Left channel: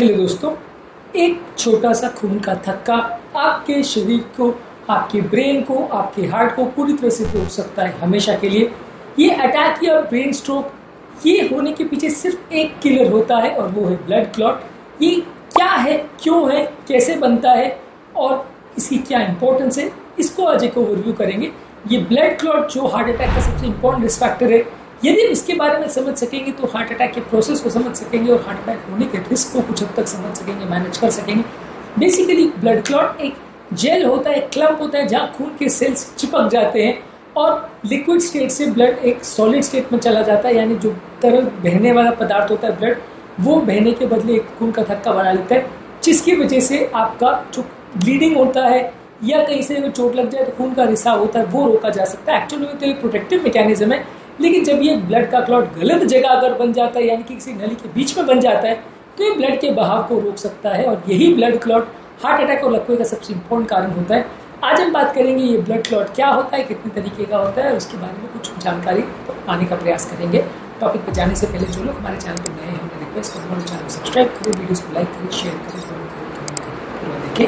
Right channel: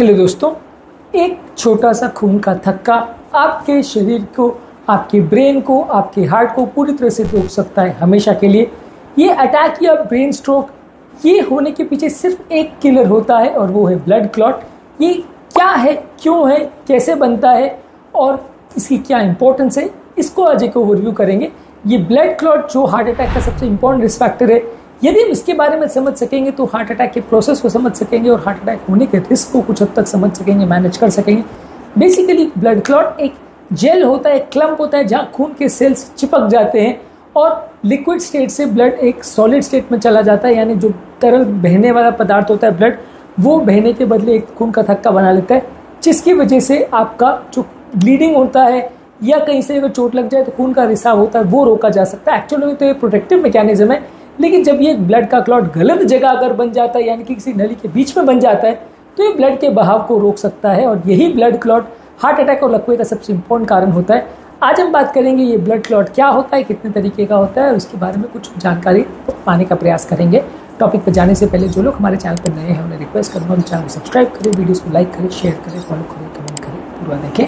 Hello दोस्तों, एक छोटा सा खून का थक्का आपके शरीर को, आपके ब्रेन को, आपके हार्ट को पूरी तरह से रोक सकता है हमेशा के लिए। ये अटैक या ब्रेन स्ट्रोक, ये होने के पीछे सिर्फ एक किलर होता है और वो है ब्लड क्लॉट। ये क्या है, क्यों है, कैसे बनता है और इसकी क्या इंपॉर्टेंस है, इसको आज एक ओवरव्यू करेंगे। ये ब्लड क्लॉट जो हार्ट अटैक का सबसे इंपॉर्टेंट रिस्क फैक्टर है, यदि हम इसके बारे में समझ सकेंगे तो हार्ट अटैक के प्रोसेस को समझ सकेंगे और हार्ट अटैक होने के रिस्क को कुछ हद तक समझ सकेंगे, मैनेज कर सकेंगे। बेसिकली ब्लड क्लॉट एक जेल होता है, एक क्लम्प होता है जहाँ खून के सेल्स चिपक जाते हैं और लिक्विड स्टेट से ब्लड एक सॉलिड स्टेट में चला जाता है, यानी जो तरल बहने वाला पदार्थ होता है ब्लड, वो बहने के बदले एक खून का थक्का बना लेता है, जिसकी वजह से आपका जो ब्लीडिंग होता है या कहीं से अगर चोट लग जाए तो खून का रिसाव होता है वो रोका जा सकता है। एक्चुअली में तो ये प्रोटेक्टिव मैकेनिज्म है, लेकिन जब ये ब्लड का क्लॉट गलत जगह अगर बन जाता है, यानी कि किसी नली के बीच में बन जाता है, तो ये ब्लड के बहाव को रोक सकता है और यही ब्लड क्लॉट हार्ट अटैक और लकवे का सबसे इंपॉर्टेंट कारण होता है। आज हम बात करेंगे ये ब्लड क्लॉट क्या होता है, कितने तरीके का होता है और उसके बारे में कुछ जानकारी पाने का प्रयास करेंगे। टॉपिक पर जाने से पहले जो लोग हमारे चैनल पर नए हैं उन्हें रिक्वेस्ट करूँगा चैनल को सब्सक्राइब करें, वीडियोस को लाइक करें, शेयर करें, फॉलो करें, कमेंट करें, पूरा देखें।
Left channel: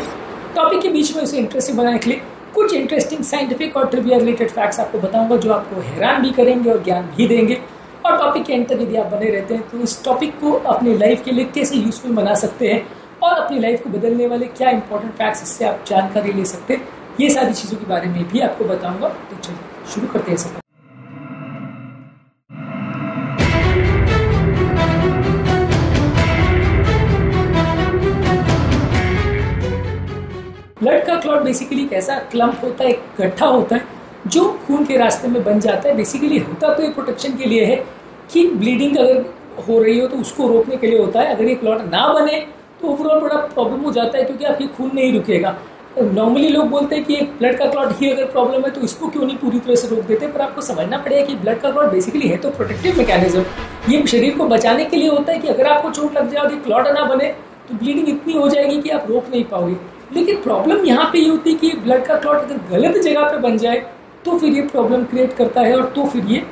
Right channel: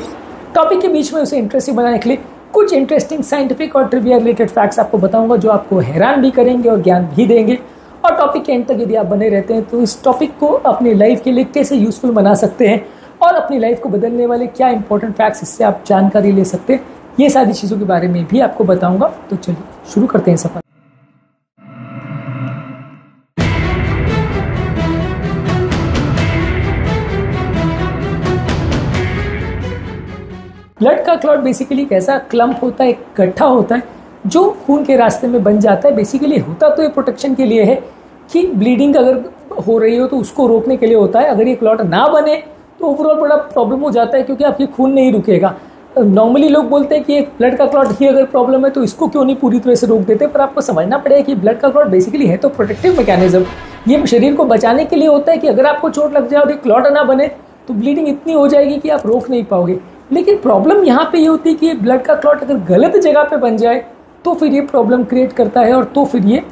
टॉपिक के बीच में उसे इंटरेस्टिंग बनाने के लिए कुछ इंटरेस्टिंग साइंटिफिक और ट्रिविया रिलेटेड फैक्ट्स आपको बताऊंगा जो आपको हैरान भी करेंगे और ज्ञान भी देंगे। और टॉपिक के एंड तक यदि आप बने रहते हैं तो इस टॉपिक को अपनी लाइफ के लिए कैसे यूजफुल बना सकते हैं और अपनी लाइफ को बदलने वाले क्या इंपॉर्टेंट फैक्ट्स, इससे आप जानकारी ले सकते हैं, ये सारी चीज़ों के बारे में भी आपको बताऊंगा। तो चलिए शुरू करते हैं सफर। ब्लड का क्लॉट बेसिकली एक ऐसा क्लम्प होता है, एक गड्ढा होता है जो खून के रास्ते में बन जाता है। बेसिकली होता तो ये प्रोटेक्शन के लिए है कि ब्लीडिंग अगर हो रही हो तो उसको रोकने के लिए होता है। अगर ये क्लॉट ना बने तो ओवरऑल बड़ा प्रॉब्लम हो जाता है, क्योंकि आपकी खून नहीं रुकेगा। नॉर्मली लोग बोलते हैं कि एक ब्लड का क्लॉट ही अगर प्रॉब्लम है तो इसको क्यों नहीं पूरी तरह से रोक देते, पर आपको समझना पड़ेगा कि ब्लड का क्लॉट बेसिकली है तो प्रोटेक्टिव मैकेनिज्म। ये शरीर को बचाने के लिए होता है कि अगर आपको चोट लग जाए और एक क्लॉट ना बने तो ब्लीडिंग इतनी हो जाएगी कि आप रोक नहीं पाओगे। लेकिन प्रॉब्लम यहाँ पे ये होती है कि ये ब्लड का क्लॉट अगर गलत जगह पे बन जाए तो फिर ये प्रॉब्लम क्रिएट करता है और तो फिर ये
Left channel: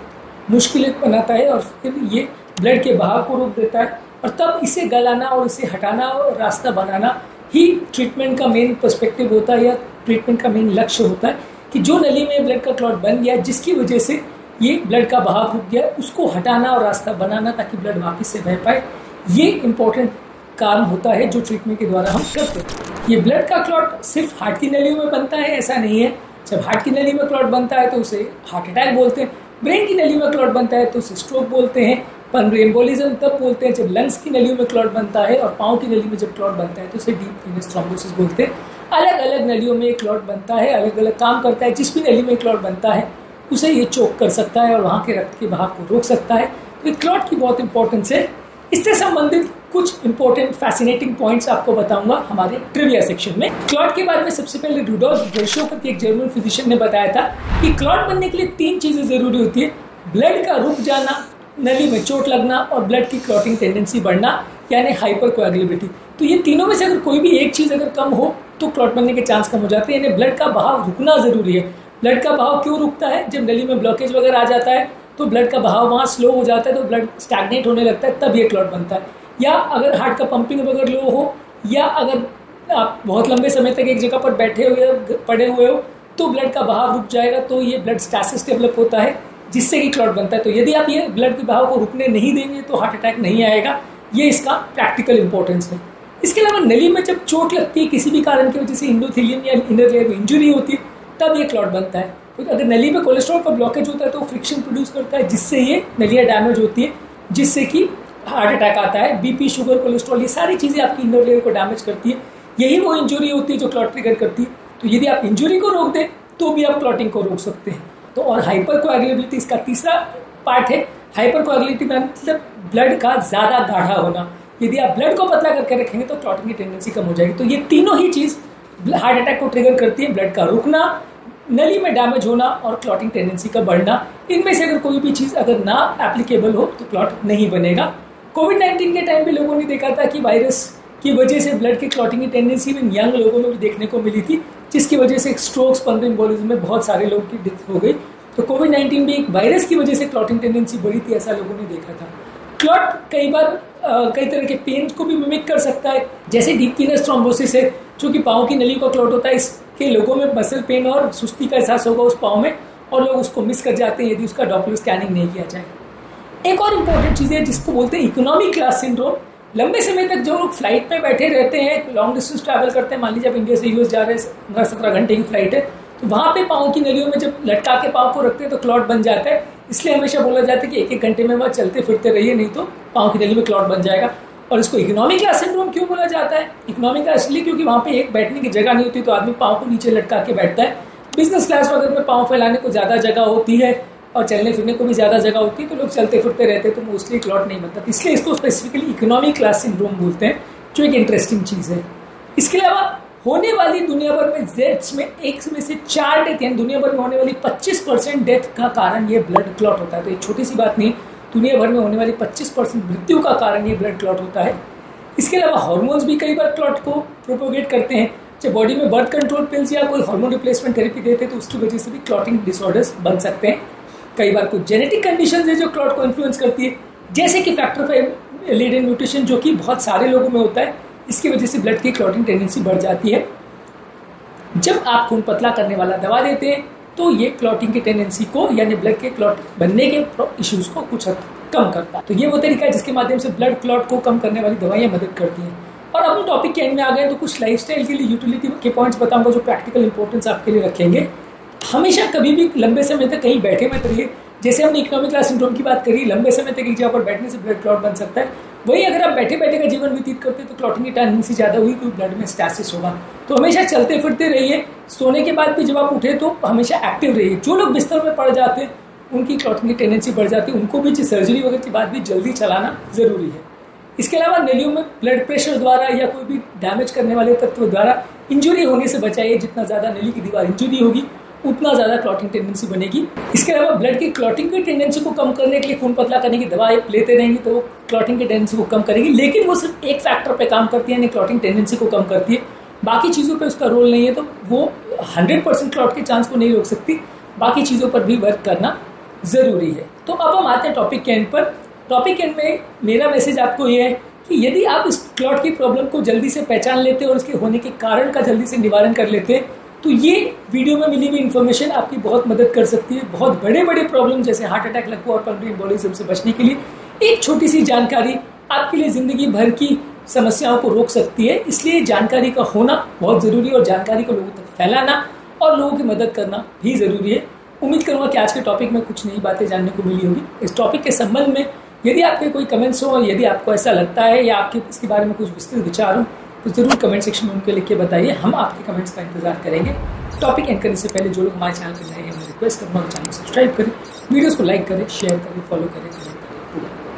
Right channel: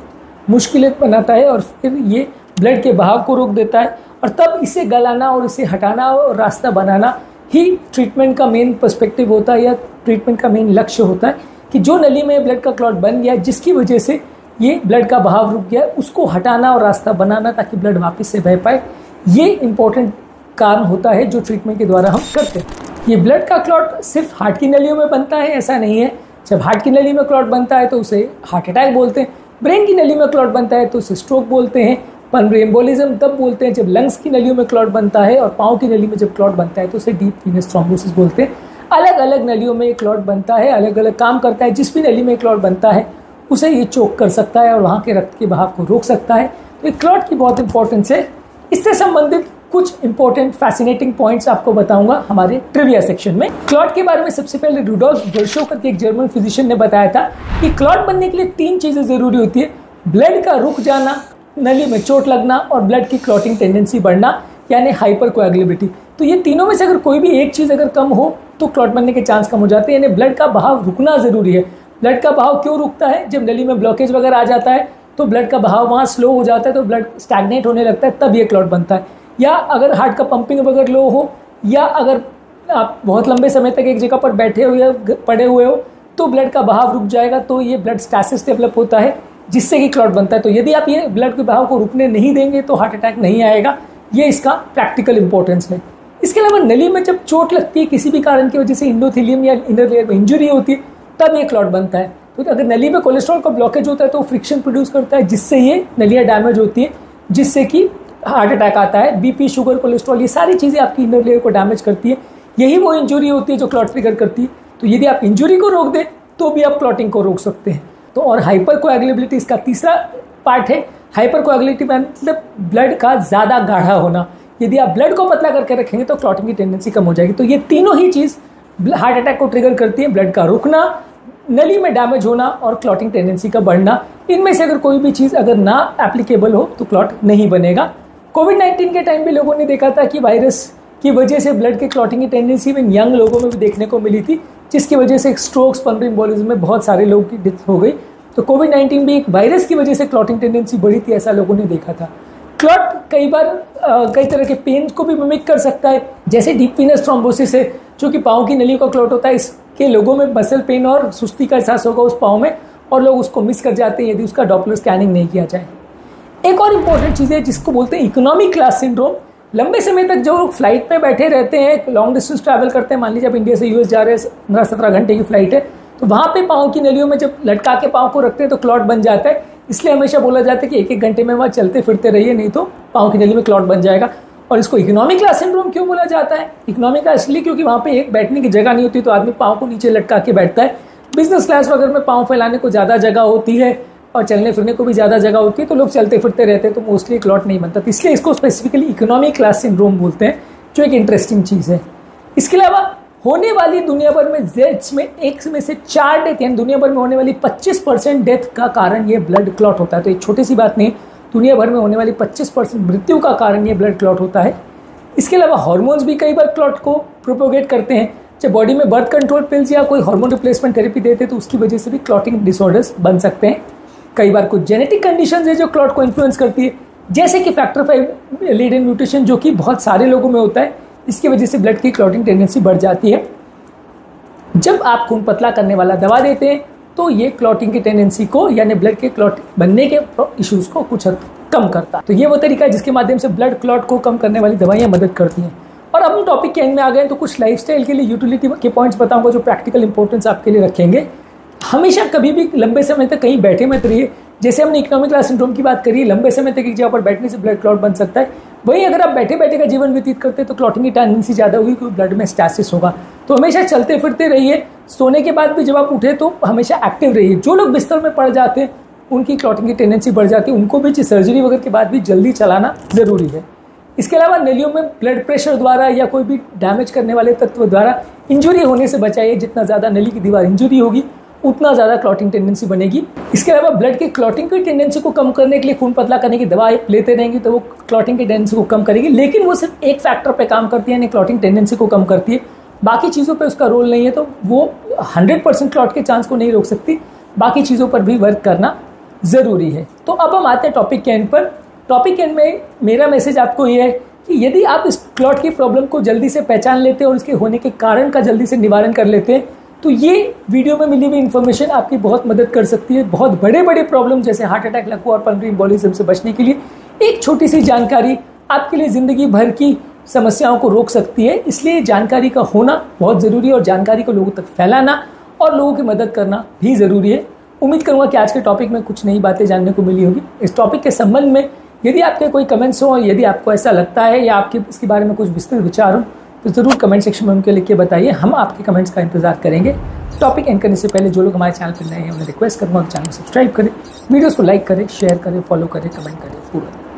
मुश्किलें बनाता है और फिर ये ब्लड के बहाव को रोक देता है। और तब इसे गलाना और इसे हटाना और रास्ता बनाना ही ट्रीटमेंट का मेन पर्सपेक्टिव होता है या ट्रीटमेंट का मेन लक्ष्य होता है कि जो नली में ब्लड का क्लॉट बन गया जिसकी वजह से ये ब्लड का बहाव रुक गया, उसको हटाना और रास्ता बनाना ताकि ब्लड वापस से बह पाए। ये इंपॉर्टेंट काम होता है जो ट्रीटमेंट के द्वारा हम करते हैं। ये ब्लड का क्लॉट सिर्फ हार्ट की नलियों में बनता है ऐसा नहीं है। जब हार्ट की नली में क्लॉट बनता है तो उसे हार्ट अटैक बोलते हैं। ब्रेन की नली में क्लॉट बनता है तो उसे स्ट्रोक बोलते हैं। पल्मोनरी एम्बोलिज्म तब बोलते हैं जब लंग्स की नलियों में क्लॉट बनता है, और पाँव की नली में जब क्लॉट बनता है तो उसे डीप वीनस थ्रोम्बोसिस बोलते हैं। अलग अलग नलियों में क्लॉट बनता है, अलग अलग काम करता है। जिस भी नली में क्लॉट बनता है उसे ये चोक कर सकता है और वहाँ के रक्त के बहाव को रोक सकता है। तो क्लॉट की बहुत इंपॉर्टेंस है। इससे संबंधित कुछ इंपॉर्टेंट फैसिनेटिंग पॉइंट्स आपको बताऊंगा हमारे ट्रिविया सेक्शन में। क्लॉट के बारे में सबसे पहले रुडोल्फ वर्शोव करके एक जर्मन फिजिशियन ने बताया था कि क्लॉट बनने के लिए 3 चीजें जरूरी होती है: ब्लड का रुक जाना, नली में चोट लगना और ब्लड की क्लॉटिंग टेंडेंसी बढ़ना, यानी हाइपरकोएगुलेबिलिटी। तो ये तीनों में से अगर कोई भी एक चीज अगर कम हो तो क्लॉट बनने के चांस कम हो जाते हैं, यानी ब्लड का बहाव रुकना जरूरी है। ब्लड का बहाव क्यों रुकता है? जब नली में ब्लॉकेज वगैरह आ जाता है तो ब्लड का बहाव वहाँ स्लो हो जाता है, तो ब्लड स्टैग्नेट होने लगता है, तब ये क्लॉट बनता है। या अगर हार्ट का पंपिंग वगैरह लो हो, या अगर आप बहुत लंबे समय तक एक जगह पर बैठे हो या पड़े हुए हो तो ब्लड का बहाव रुक जाएगा, तो ये ब्लड स्टैसिस डेवलप होता है जिससे कि क्लॉट बनता है। तो यदि आप ये ब्लड के बहाव को रुकने नहीं देंगे तो हार्ट अटैक नहीं आएगा। ये इसका प्रैक्टिकल इंपॉर्टेंस है। इसके अलावा नली में जब चोट लगती है किसी भी कारण की वजह से, इंडोथेलियम या इनर लेयर में इंजुरी होती है, तब ये क्लॉट बनता है। तो अगर नली में कोलेस्ट्रॉल का ब्लॉकेज होता है तो फ्रिक्शन प्रोड्यूस करता है जिससे ये नलियाँ डैमेज होती है, जिससे कि हार्ट अटैक आता है। बीपी, शुगर, कोलेस्ट्रॉल, ये सारी चीजें आपकी इनर लेयर को डैमेज करती है। यही वो इंजुरी होती है जो क्लॉट ट्रिगर करती है। तो यदि आप इंजुरी को रोक दें तो भी आप क्लॉटिंग को रोक सकते हैं। तो और हाइपरकोएगुलेबिलिटी इसका तीसरा पार्ट है। हाइपरकोएगुलेबिलिटी मतलब ब्लड का ज्यादा गाढ़ा होना। यदि आप ब्लड को पतला करके रखेंगे तो क्लॉटिंग की टेंडेंसी कम हो जाएगी। तो ये तीनों ही चीज हार्ट अटैक को ट्रिगर करती है: ब्लड का रुकना, नली में डैमेज होना और क्लॉटिंग टेंडेंसी का बढ़ना। इनमें से अगर कोई भी चीज अगर ना एप्लीकेबल हो तो क्लॉट नहीं बनेगा। कोविड-19 के टाइम भी लोगों ने देखा था कि वायरस की वजह से ब्लड की क्लॉटिंग की टेंडेंसी में यंग लोगों में भी देखने को मिली थी, जिसकी वजह से स्ट्रोक्स, पल्मोनरी एम्बोलिज्म में बहुत सारे लोगों की डेथ हो गई। तो कोविड-19 भी एक वायरस की वजह से क्लॉटिंग टेंडेंसी बढ़ी थी, ऐसा लोगों ने देखा था। क्लॉट कई बार कई तरह के पेन को भी मिमिक कर सकता है, जैसे डीप वीनस थ्रोम्बोसिस है जो कि पाँव की नली का क्लॉट होता है। इसके लोगों में मसल पेन और सुस्ती का एहसास होगा उस पाँव में, और लोग उसको मिस कर जाते हैं यदि उसका डॉपलर स्कैनिंग नहीं किया जाए। एक और इम्पॉर्टेंट चीज़ है जिसको बोलते हैं इकोनॉमी क्लास सिंड्रोम। लंबे समय तक जो लोग फ्लाइट में बैठे रहते हैं, लॉन्ग डिस्टेंस ट्रैवल करते हैं, मान लीजिए आप इंडिया से यूएस जा रहे हैं, 15-17 घंटे की फ्लाइट है, तो वहाँ पे पाँव की नलियों में जब लटका के पाँव को रखते हैं तो क्लॉट बन जाता है। इसलिए हमेशा बोला जाता है कि 1-1 घंटे में वहाँ चलते फिरते रहिए, नहीं तो पाँव की नली में क्लॉट बन जाएगा। और इसको इकोनॉमिक क्लास सिंड्रोम क्यों बोला जाता है? इकोनॉमिक क्लास इसलिए क्योंकि वहाँ पे एक बैठने की जगह नहीं होती, तो आदमी पाँव को नीचे लटका के बैठता है। बिजनेस क्लास वगैरह में पाँव फैलाने को ज़्यादा जगह होती है और चलने फिरने को भी ज़्यादा जगह होती है, तो लोग चलते फिरते रहते हैं, तो मोस्टली क्लॉट नहीं बनता। इसलिए इसको स्पेसिफिकली इकोनॉमिक क्लास सिंड्रोम बोलते हैं, जो एक इंटरेस्टिंग चीज़ है। इसके अलावा होने वाली दुनिया भर में डेथ्स में 1 में से 4 डेथ, यानी दुनिया भर में होने वाली 25% डेथ का कारण ये ब्लड क्लॉट होता है। तो एक छोटी सी बात नहीं, दुनिया भर में होने वाली 25% मृत्यु का कारण ये ब्लड क्लॉट होता है। इसके अलावा हार्मोन्स भी कई बार क्लॉट को प्रोपोगेट करते हैं। जब बॉडी में बर्थ कंट्रोल पिल्स या कोई हार्मोन रिप्लेसमेंट थेरेपी देते हैं तो उसकी वजह से भी क्लॉटिंग डिसऑर्डर्स बन सकते हैं। कई बार कुछ जेनेटिक कंडीशंस है जो क्लॉट को इन्फ्लुएंस करती है, जैसे कि फैक्टर 5 लीडेन म्यूटेशन, जो कि बहुत सारे लोगों में होता है। इसकी वजह से ब्लड की क्लॉटिंग टेंडेंसी बढ़ जाती है। जब आप खून पतला करने वाला दवा देते हैं तो ये क्लॉटिंग की टेंडेंसी को, यानी ब्लड के क्लॉट बनने के इश्यूज को कुछ हद कम करता है। तो ये वो तरीका है जिसके माध्यम से ब्लड क्लॉट को कम करने वाली दवाइयाँ मदद करती हैं। और अब हम टॉपिक के एंड में आ गए तो कुछ लाइफस्टाइल के लिए यूटिलिटी के पॉइंट्स बताऊंगा जो प्रैक्टिकल इंपॉर्टेंस आपके लिए रखेंगे। हमेशा कभी भी लंबे समय तक कहीं बैठे मत रहिए। जैसे हमने इकोनॉमिक क्लास सिंड्रोम की बात करी, लंबे समय तक एक जगह पर बैठने से ब्लड क्लॉट बन सकता है। वहीं अगर आप बैठे बैठे का जीवन व्यतीत करते हैं तो क्लॉटिंग की टेंडेंसी ज़्यादा होगी, क्योंकि ब्लड में स्टैसिस होगा। तो हमेशा चलते फिरते रहिए। सोने के बाद भी जब आप उठे तो हमेशा एक्टिव रहिए। जो लोग बिस्तर में पड़ जाते हैं उनकी क्लॉटिंग की टेंडेंसी बढ़ जाती है, उनको भी सर्जरी वगैरह के बाद भी जल्दी चलाना ज़रूरी है। इसके अलावा नलियों में ब्लड प्रेशर द्वारा या कोई भी डैमेज करने वाले तत्व द्वारा इंजुरी होने से बचाइए। जितना ज़्यादा नली की दीवार इंजुरी होगी उतना ज़्यादा क्लॉटिंग टेंडेंसी बनेगी। इसके अलावा ब्लड की क्लॉटिंग की टेंडेंसी को कम करने के लिए खून पतला करने की दवा लेते रहेंगे तो वो क्लॉटिंग की टेंडेंसी को कम करेगी, लेकिन वो सिर्फ एक फैक्टर पे काम करती है, यानी क्लॉटिंग टेंडेंसी को कम करती है। बाकी चीज़ों पे उसका रोल नहीं है, तो वो 100% क्लॉट के चांस को नहीं रोक सकती। बाकी चीज़ों पर भी वर्क करना ज़रूरी है। तो अब हम आते हैं टॉपिक के एंड पर। टॉपिक के एंड में मेरा मैसेज आपको ये है कि यदि आप इस क्लॉट की प्रॉब्लम को जल्दी से पहचान लेते हैं और इसके होने के कारण का जल्दी से निवारण कर लेते हैं तो ये वीडियो में मिली हुई इन्फॉर्मेशन आपकी बहुत मदद कर सकती है। बहुत बड़े बड़े प्रॉब्लम जैसे हार्ट अटैक, लकवा और पल्मोनरी एम्बोलिज्म से बचने के लिए एक छोटी सी जानकारी आपके लिए जिंदगी भर की समस्याओं को रोक सकती है। इसलिए जानकारी का होना बहुत ज़रूरी है और जानकारी को लोगों तक फैलाना और लोगों की मदद करना भी ज़रूरी है। उम्मीद करूँगा कि आज के टॉपिक में कुछ नई बातें जानने को मिली होगी। इस टॉपिक के संबंध में यदि आपके कोई कमेंट्स हो, यदि आपको ऐसा लगता है या आपके इसके बारे में कुछ विस्तृत विचार हो तो ज़रूर कमेंट सेक्शन में उनके लिख के बताइए। हम आपके कमेंट्स का इंतजार करेंगे। टॉपिक एंड करने से पहले जो लोग हमारे चैनल पर नए हैं उन्हें रिक्वेस्ट करूँगा चैनल को सब्सक्राइब करें, वीडियोस को लाइक करें, शेयर करें, फॉलो करें, कमेंट करें पूरा।